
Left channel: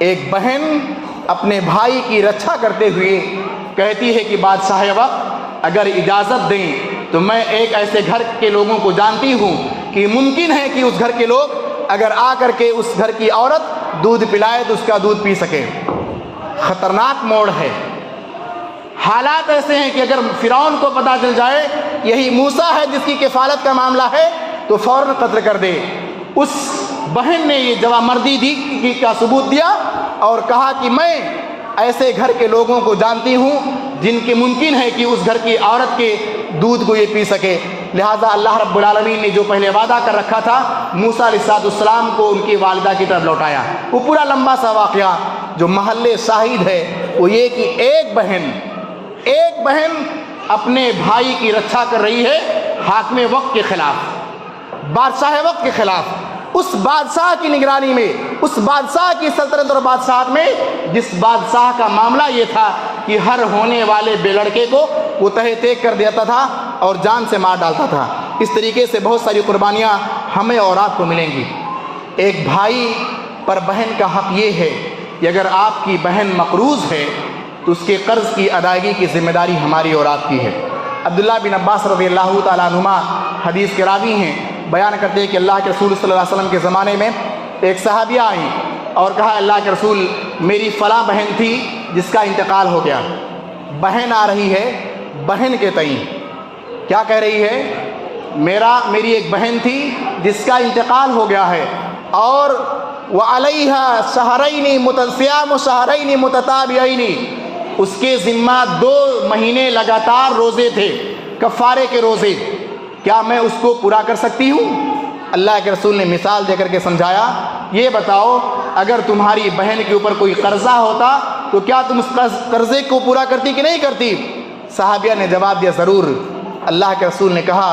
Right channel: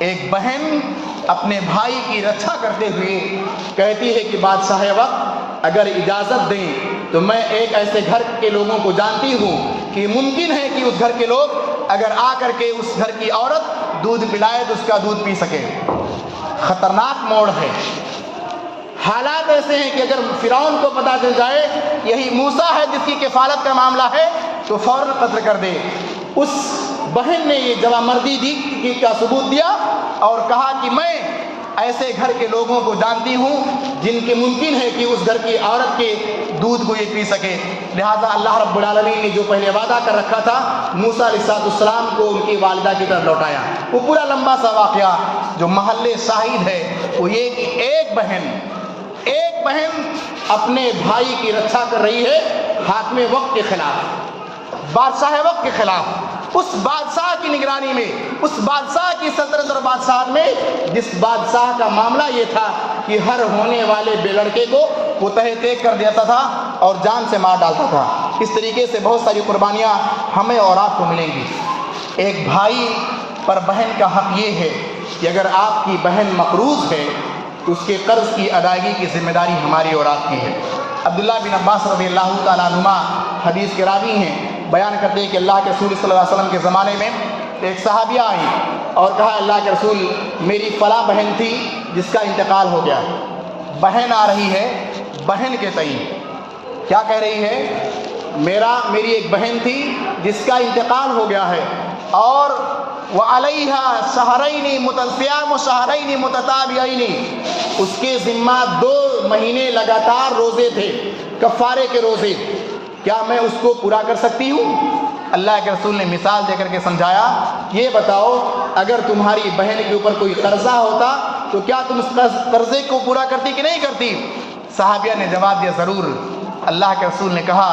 ایک بہن اپنے بھائی کی رکشا کرتے ہوئے کہتی ہے کہ بادشاہ وقت اگر اجازت دیں تو میں ایک ایسے گھر کے لوگوں کو جانتی ہوں کہ ممکن ہے کہ اس گھر کے لوگ اگر آ کر کے اس گھر کی عورت دودھ پلائے تو اس کا دودھ پی سکے. خطرناک موڑ ہے. حالات ایسے ہیں کہ اگر فرعون کو پتہ چل جائے یہی موسیٰ ہے جس کی کفالت کا معاملہ ہے تو فوراً قتل کر دے. اس بہن نے یہ جوامردی دی کا ثبوت دیا اور کہا کہ میں ایسے گھر کے لوگوں کو جانتی ہوں جن کے ممکن ہے کہ اس گھر کی عورت کے دودھ کو یہ پی سکے. لہٰذا اللہ رب العالمین نے جو پہلے وعدہ کر رکھا تھا موسیٰ علیہ السلام کو ان کی والدہ کی طرف لوٹایا. وہ پورا لمبا سا واقعہ جو محل شاہد ہے وہ یہ کہ ایک بہن اپنے بھائی کی رکشا کر رہی ہے حاکم وقت کے خلاف, بادشاہ وقت کے خلاف. اس بادشاہ کی نگرانی میں, اس بادشاہ کی سلطنت اور بادشاہت میں جس بادشاہ کا معاملہ یہ تھا کہ ہر ہونے والے بے لڑکے کو وہ تہہ تیگ کر دیتا تھا اور جان سے مار ڈالتا تھا. اس طریقے سے بہت ساری قربانیاں ہمیں اور آپ کو ملیں گی. ایک بھائی پر بہن کا حق یہ ہے کہ اگر آپ کی بہن مقروض ہے تو اس کے قرض کی ادائیگی کی ذمہ داری ہماری اور آپ کی ہے. عبداللہ بن عباس رضی اللہ تعالیٰ عنہما حدیث کے راوی ہیں, بیان کرتے ہیں کہ اللہ کے رسول صلی اللہ علیہ وسلم کے زمانے میں ایک صحابیہ آئیں اور کہا اللہ کے رسول میری فلاں بہن تھی جس کا انتقال ہو گیا. بہن آ رہی ہے بہن کے تئیں کیا کہہ رہی ہے, میری ایک بہن تھی جس کا انتقال ہو گیا ہے اور وَعَلَيْهَا شَهْرَيْنِ صِيَامُ شَهْرَيْنِ مُتَتَابِعَيْنِ, اس کے ذمہ 2 مہینے لگاتار روزے تھے, کفارے کے روزے. کیا میں اس کو پورا کر سکتی ہوں؟ اللہ کے رسول نے مثال دے کر کے سمجھایا, یہ بتاؤ اگر تمہاری بہن کے اوپر کوئی قرضہ ہوتا تو کیا تم اس قرضے کو پورا کرتی کہ نہیں کرتی؟ صحابیہ نے جواب دیا ضرور. اللہ کے رسول نے کہا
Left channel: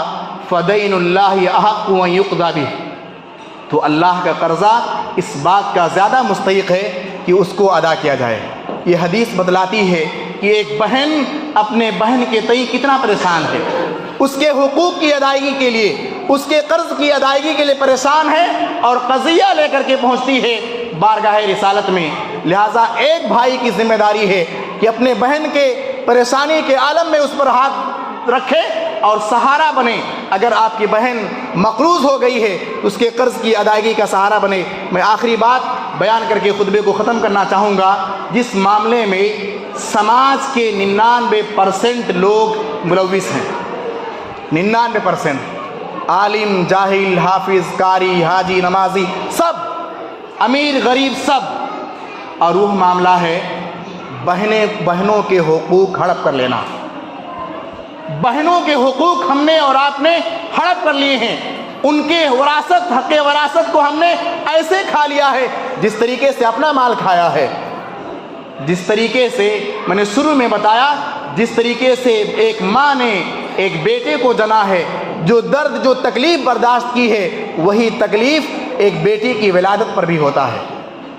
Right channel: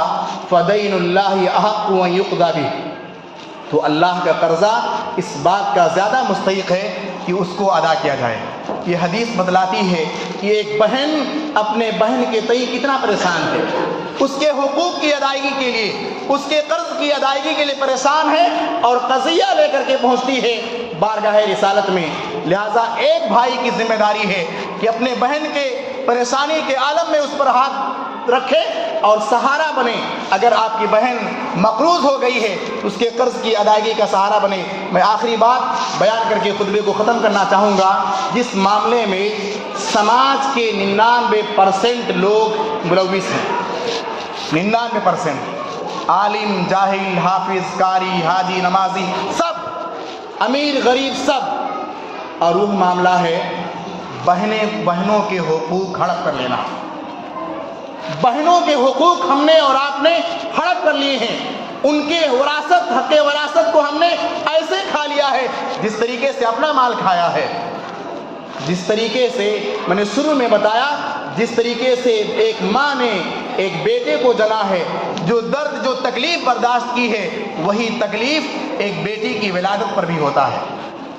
فَدَيْنُ اللَّهِ أَحَقُّ أَن يُقْضَىٰ بِهِ, تو اللہ کا قرضہ اس بات کا زیادہ مستحق ہے کہ اس کو ادا کیا جائے. یہ حدیث بتلاتی ہے کہ ایک بہن اپنے بہن کے تئیں کتنا پریشان ہے, اس کے حقوق کی ادائیگی کے لیے, اس کے قرض کی ادائیگی کے لیے پریشان ہے اور قضیہ لے کر کے پہنچتی ہے بارگاہ رسالت میں. لہٰذا ایک بھائی کی ذمہ داری ہے کہ اپنے بہن کے پریشانی کے عالم میں اس پر ہاتھ رکھے اور سہارا بنے. اگر آپ کی بہن مقروض ہو گئی ہے تو اس کے قرض کی ادائیگی کا سہارا بنے. میں آخری بات بیان کر کے خطبے کو ختم کرنا چاہوں گا. جس معاملے میں سماج کے 99% لوگ ملوث ہیں, 99%, عالم جاہل حافظ قاری حاجی نمازی سب, امیر غریب سب, اور وہ معاملہ ہے بہنوں کے حقوق ہڑپ کر لینا. بہنوں کے حقوق ہم نے اور آپ نے ہڑپ کر لیے ہیں. ان کے وراثت, حق وراثت کو ہم نے ایسے کھا لیا ہے جس طریقے سے اپنا مال کھایا ہے. جس طریقے سے میں نے شروع میں بتایا, جس طریقے سے ایک ماں نے ایک بیٹے کو جنا ہے, جو درد جو تکلیف برداشت کی ہے وہی تکلیف ایک بیٹی کی ولادت پر بھی ہوتا ہے.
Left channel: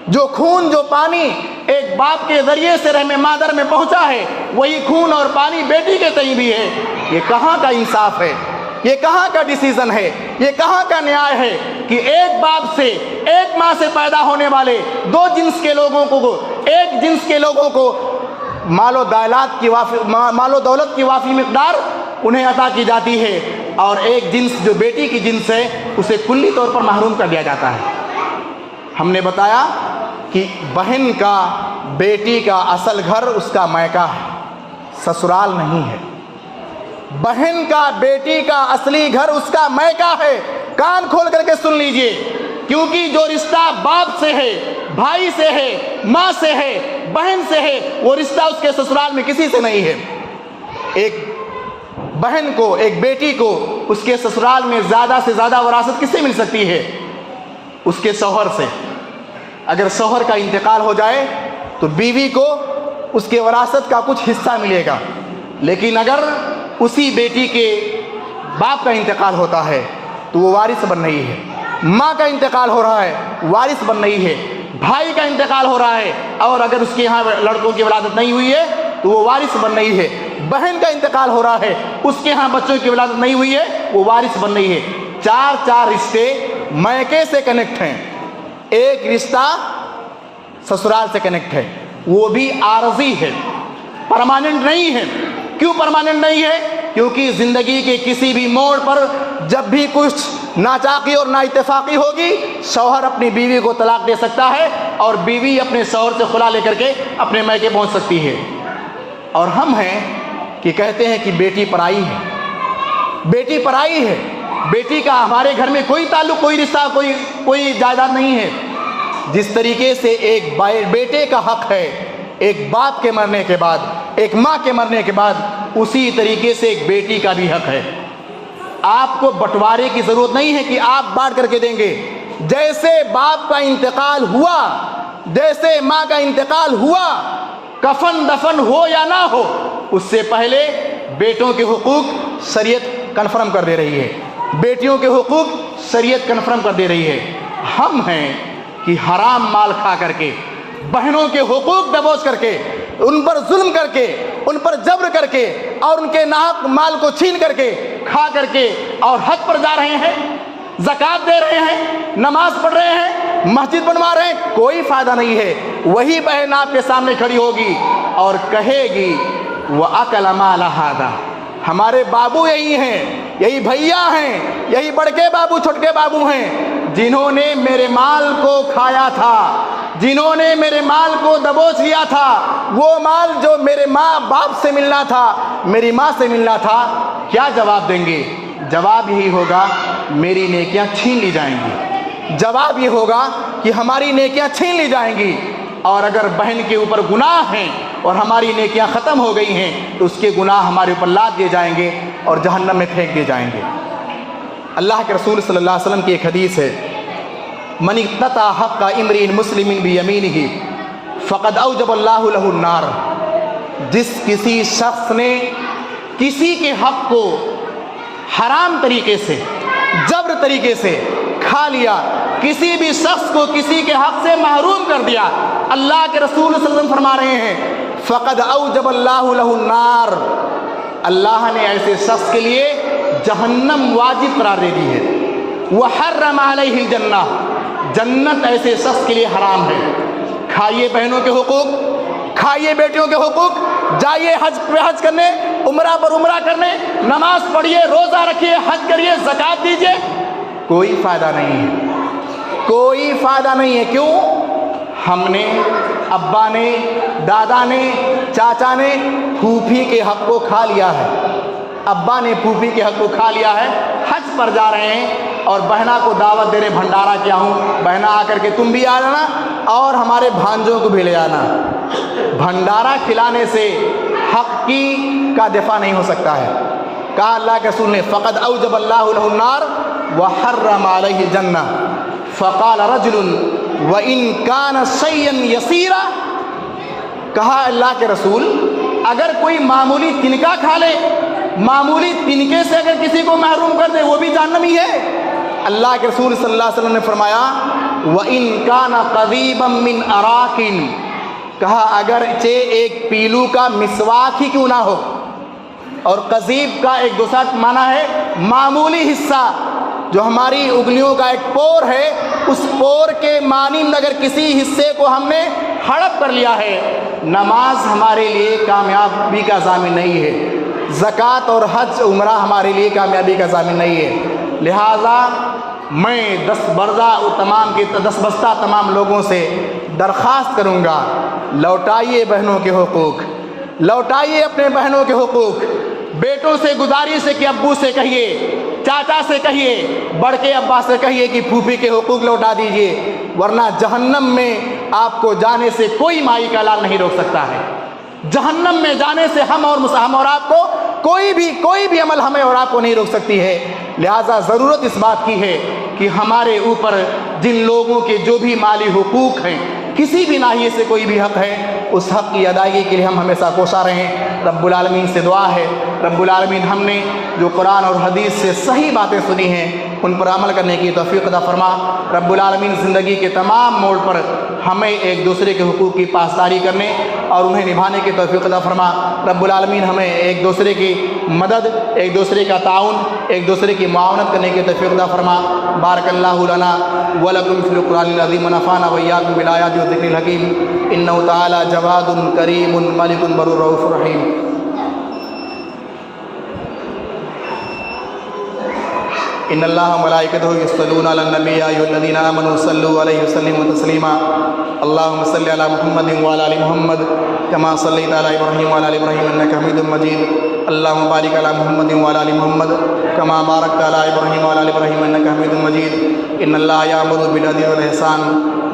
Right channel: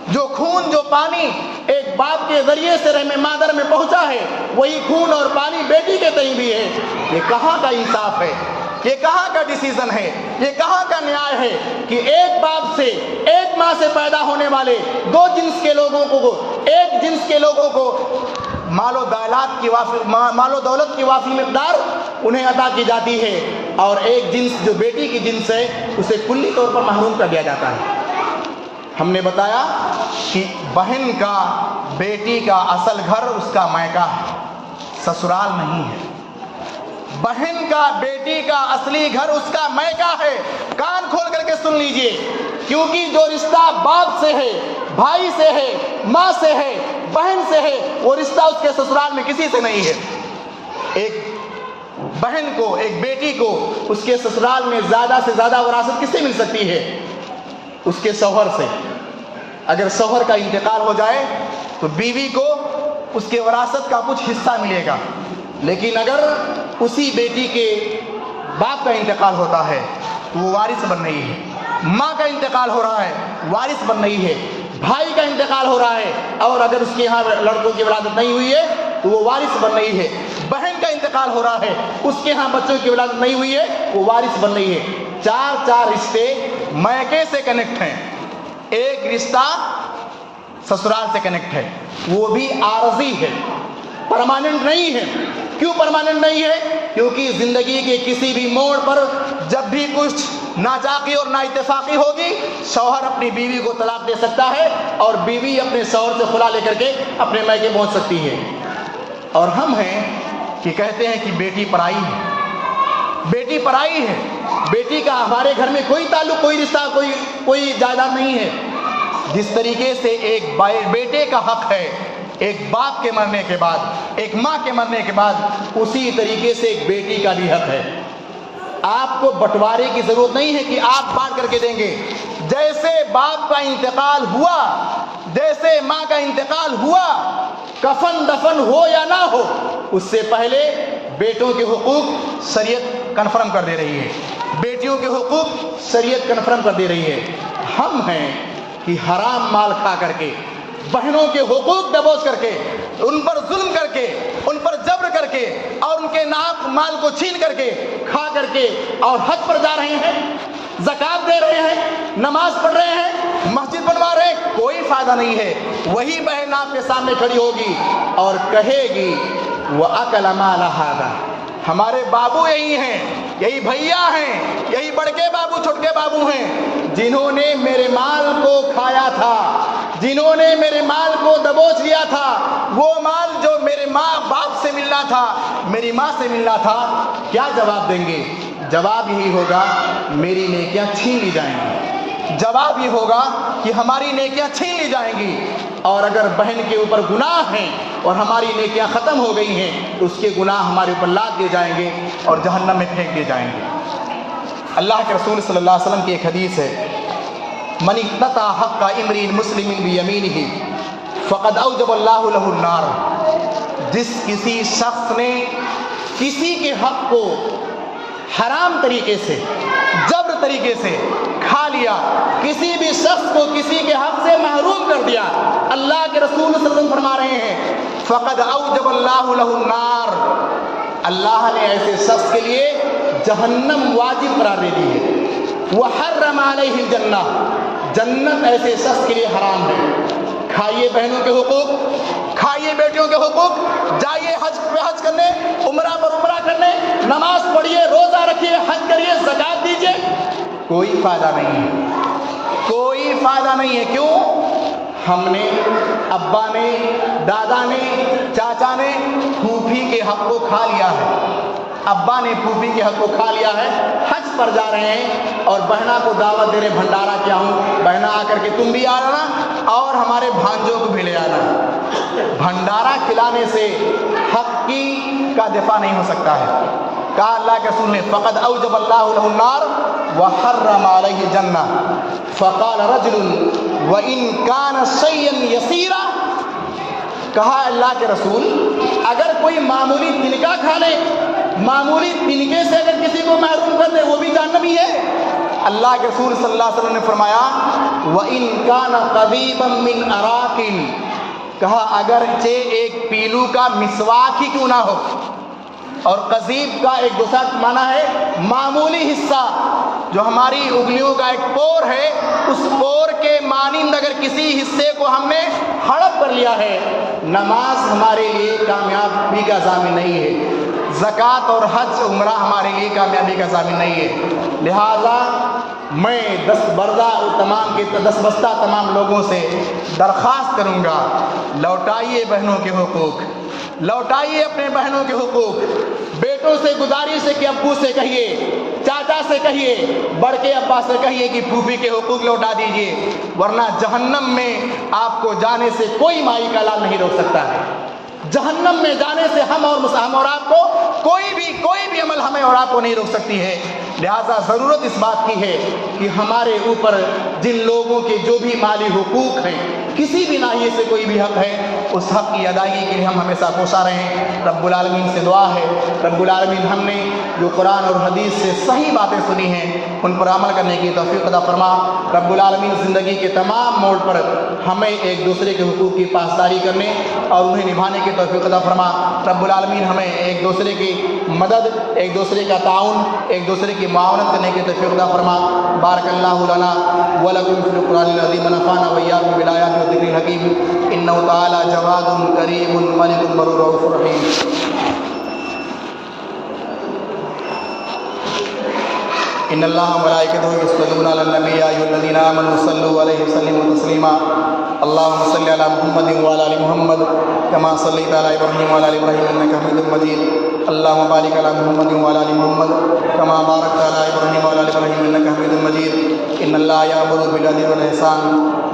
جو خون جو پانی ایک باپ کے ذریعے سے رحم مادر میں پہنچا ہے وہی خون اور پانی بیٹی کے تئیں بھی ہے. یہ کہاں کا انصاف ہے, یہ کہاں کا ڈیسیزن ہے, یہ کہاں کا نیائے ہے کہ ایک باپ سے ایک ماں سے پیدا ہونے والے 2 جنس کے لوگوں کو, ایک جنس کے لوگوں کو مال و دولت کی وافی مقدار انہیں عطا کی جاتی ہے، اور ایک جنس جو بیٹی کی جنس ہے اسے کلی طور پر محروم کر دیا جاتا ہے۔ ہم نے بتایا کہ بہن کا بیٹی کا اصل گھر اس کا مائکا ہے، سسرال نہیں ہے۔ بہن کا بیٹی کا اصلی گھر اس کا مائکا ہے۔ کان کھول کر کے سن لیجئے، کیونکہ جو رشتہ باپ سے ہے، بھائی سے ہے، ماں سے ہے، بہن سے ہے، وہ رشتہ اس کے سسرال میں کسی سے نہیں ہے۔ ایک بہن کو، ایک بیٹی کو اس کے سسرال میں زیادہ سے زیادہ وراثت کس سے مل سکتی ہے؟ اس کے شوہر سے۔ اگر شوہر کا انتقال ہو جائے تو بیوی کو اس کے وراثت کا کچھ حصہ ملے گا، لیکن اگر اسی بیٹی کے باپ کا انتقال ہوتا ہے تو وہ وارث بن رہی ہے۔ ماں کا انتقال ہو رہا ہے، وارث بن رہی ہے۔ بھائی کا انتقال ہو رہا ہے، اور اگر اس کے ہاں لڑکوں کی ولادت نہیں ہوئی ہے تو وہ وارث بن رہی ہے۔ بہن کا انتقال ہو رہا ہے، اس کے ہاں بچوں کی ولادت نہیں ہوئی ہے، وہ وارث بن رہی ہے۔ چار رشتے میکے سے کنیکٹ ہیں، ایک رشتہ سسرال سے کنیکٹ ہے، وہ بھی عارضی ہے، پرماننٹ نہیں ہے۔ کیوں پرماننٹ نہیں ہے؟ کیونکہ زندگی کے کسی بھی موڑ پر جب بھی کچھ ناچاقی اور نااتفاقی ہوگی، شوہر اپنی بیوی کو طلاق دے سکتا ہے، اور بیوی اپنے شوہر سے خلا لے کر کے اپنے میکے پہنچ سکتی ہے۔ اور ہم ہیں کہ کہتے ہیں کہ بیٹی پرائی ہے، بیٹی پرائی ہے، بیٹی کا ہمارے گھر میں کوئی تعلق، کوئی رشتہ، کوئی جائیداد نہیں ہے۔ جس طریقے سے ایک بیٹے کا حق ہے ایک باپ کے مرنے کے بعد، ایک ماں کے مرنے کے بعد، اسی طریقے سے ایک بیٹی کا بھی حق ہے۔ آپ کو بٹوارے کی ضرورت نہیں ہے کہ آپ بانٹ کر کے دیں گے۔ جیسے باپ کا انتقال ہوا، جیسے ماں کا انتقال ہوا، کفن دفن ہو یا نہ ہو، اس سے پہلے بیٹوں کے حقوق شریعت کنفرم کر دے رہی ہے، بیٹیوں کے حقوق شریعت کنفرم کر دے رہی ہے۔ ہم ہیں کہ حرام مال کھا کر کے، بہنوں کے حقوق دبوچ کر کے، ان پر ظلم کر کے، ان پر جبر کر کے، اور ان کے ناحق مال کو چھین کر کے، کھا کر کے، اور حج پر جا رہے ہیں، زکوٰۃ دے رہے ہیں، نماز پڑھ رہے ہیں، مسجد بنوا رہے ہیں، کوئی فائدہ نہیں ہے۔ وہی بہن آپ کے سامنے کھڑی ہوگی اور کہے گی وَأَكَلَ مَالَ هَذَا، ہمارے بابو یہی ہیں، یہی بھیا ہیں، یہی بڑکے بابو چھوٹکے بابو ہیں، جنہوں نے میرے مال کو کھایا تھا، جنہوں نے میرے مال کو دبوچ لیا تھا۔ وہ مال جو میرے ماں باپ سے ملنا تھا، میری ماں سے ملنا تھا، کیا جواب دیں گے؟ جواب یہی ہوگا میری نیکیاں چھین لی جائیں گی، جواب یہ ہوگا کہ ہماری نیکیاں چھین لی جائیں گی۔ اور اگر بہن کے اوپر گناہ ہیں اور ہماری نیکیاں ختم ہو گئی ہیں تو اس کے گناہ ہمارے اوپر لاد دیے جائیں گے اور جہنم میں پھینک دیے جائیں گے۔ اللہ کے رسول صلی اللہ علیہ وسلم کی ایک حدیث ہے، من اقتطع حق امرئ مسلم بیمینہ فقد اوجب اللہ لہ النار، جس کسی شخص نے کسی کے حق کو حرام طریقے سے، جبر طریقے سے کھا لیا، کسی بھی شخص کو کسی کے حق سے محروم کر دیا، اللہ کے رسول صلی اللہ علیہ وسلم فرما رہے ہیں فقد اوجب اللہ لہ النار، اللہ نے ایسے شخص کے لیے جہنم واجب قرار دے دی ہے۔ وحرم علیہ الجنہ، جنت ایسے شخص کے لیے حرام ہے۔ کھائیے بہنوں کے حقوق، کھائیے بیٹیوں کے حقوق، جائیے حج پہ حج کرنے، عمرہ پر عمرہ کرنے، نماز پڑھیے، روزہ رکھیے، حج کریے، زکوٰۃ دیجیے، کوئی فائدہ نہیں ہے، کوئی فائدہ نہیں ہے۔ کیوں؟ ہم نے، ابا نے، دادا نے، چاچا نے پھوپھی کے حق کو کھا لیا ہے، ابا نے پھوپھی کے حق کو کھا لیا ہے، حج پر جا رہے ہیں اور بہنا کو دعوت دے رہے، بھنڈارا کیا ہوں، بہنا آ کر کے تم بھی آ جانا اور ہمارے بھانجوں کو بھی لے آنا۔ بھنڈارا کھلانے سے حق کی کا دفاع نہیں ہو سکتا ہے۔ کہا اللہ کے رسول نے فقد اوجب اللہ لہ النار وحرم علیہ الجنہ، فقال رجل وَإِن كَانَ شَيْئًا يَسِيرًا، کہا اللہ کے رسول اگر کوئی معمولی تنکا کھا لے، معمولی تنکے سے اگر کسی کو محروم کر دے، وہ بھی جہنمی ہے۔ اللہ کے رسول صلی اللہ علیہ وسلم نے فرمایا وَإِن كَانَ قَضِيبًا مِّنْ أَرَاكٍ، کہا اگرچہ ایک پیلو کا مسواک ہی کیوں نہ ہو، اور قضیب کا ایک دوسرا معنی ہے معمولی حصہ، جو ہماری انگلیوں کا ایک پور ہے، اس پور کے مانند اگر کسی حصے کو ہم نے ہڑپ کر لیا ہے، نماز ہمارے لیے کامیابی کا ضامن نہیں ہے۔ زکوٰۃ اور حج عمرہ ہمارے لیے کامیابی کا ضامن نہیں ہے۔ لہٰذا میں دس بستہ تمام لوگوں سے درخواست کروں گا، لوٹائیے بہنوں کے حقوق، لوٹائیے اپنے بہنوں کے حقوق۔ بیٹوں سے گزارش ہے کہ ابو سے کہیے، چاچا سے کہیے، بڑے ابا سے کہیے کہ پھوپھی کے حقوق لوٹا دیجئے، ورنہ جہنم میں آپ کو جانے سے کوئی مائی کا لال نہیں روک سکتا ہے۔ جہنم میں جانے سے ہم اور آپ کو کوئی بھی عمل ہمیں اور آپ کو نہیں روک سکتی ہے۔ لہٰذا ضرورت اس بات کی ہے کہ ہمارے اوپر جن لوگوں کے جو بھی مالی حقوق ہیں، کسی بھی ناحیے سے کوئی بھی حق ہے، اس حق کی ادائیگی کے لیے ہم ہمیشہ کوشاں رہیں۔ رب العالمین سے دعا ہے، رب العالمین ہم نے جو قرآن اور حدیث سے صحیح باتیں سنی ہیں ان پر عمل کرنے کی توفیق عطا فرما۔ رب العالمین زندگی کے تمام موڑ پر ہمیں ایک دوسرے کے حقوق کی پاسداری کرنے اور انہیں نبھانے کی توفیق عطا فرما۔ رب العالمین ہمیں ایک دوسرے کی مدد، ایک دوسرے کا تعاون، ایک دوسرے کی معاونت کرنے کی توفیق عطا فرما۔ بارک اللہ لنا ولکم فی القرآن العظیم ونفعنا وإیاکم بالآیات والذکر الحکیم انہ تعالی جواد کریم ملک بر رؤوف رحیم۔ ان اللہ وملائکتہ یصلون علی النبی یا ایھا الذین آمنوا صلوا علیہ وسلموا تسلیما۔ اللهم صل على محمد وعلى ال محمد كما صليت على ابراهيم وعلى ال ابراهيم انك حميد مجيد۔ اللهم بارك على محمد وعلى ال محمد كما باركت على ابراهيم وعلى ال ابراهيم انك حميد مجيد۔ ان الله يأمر بالعدل والإحسان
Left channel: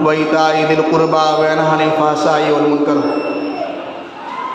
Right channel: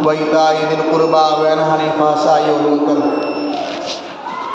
وإيتاء ذي القربى وينهى عن الفحشاء والمنكر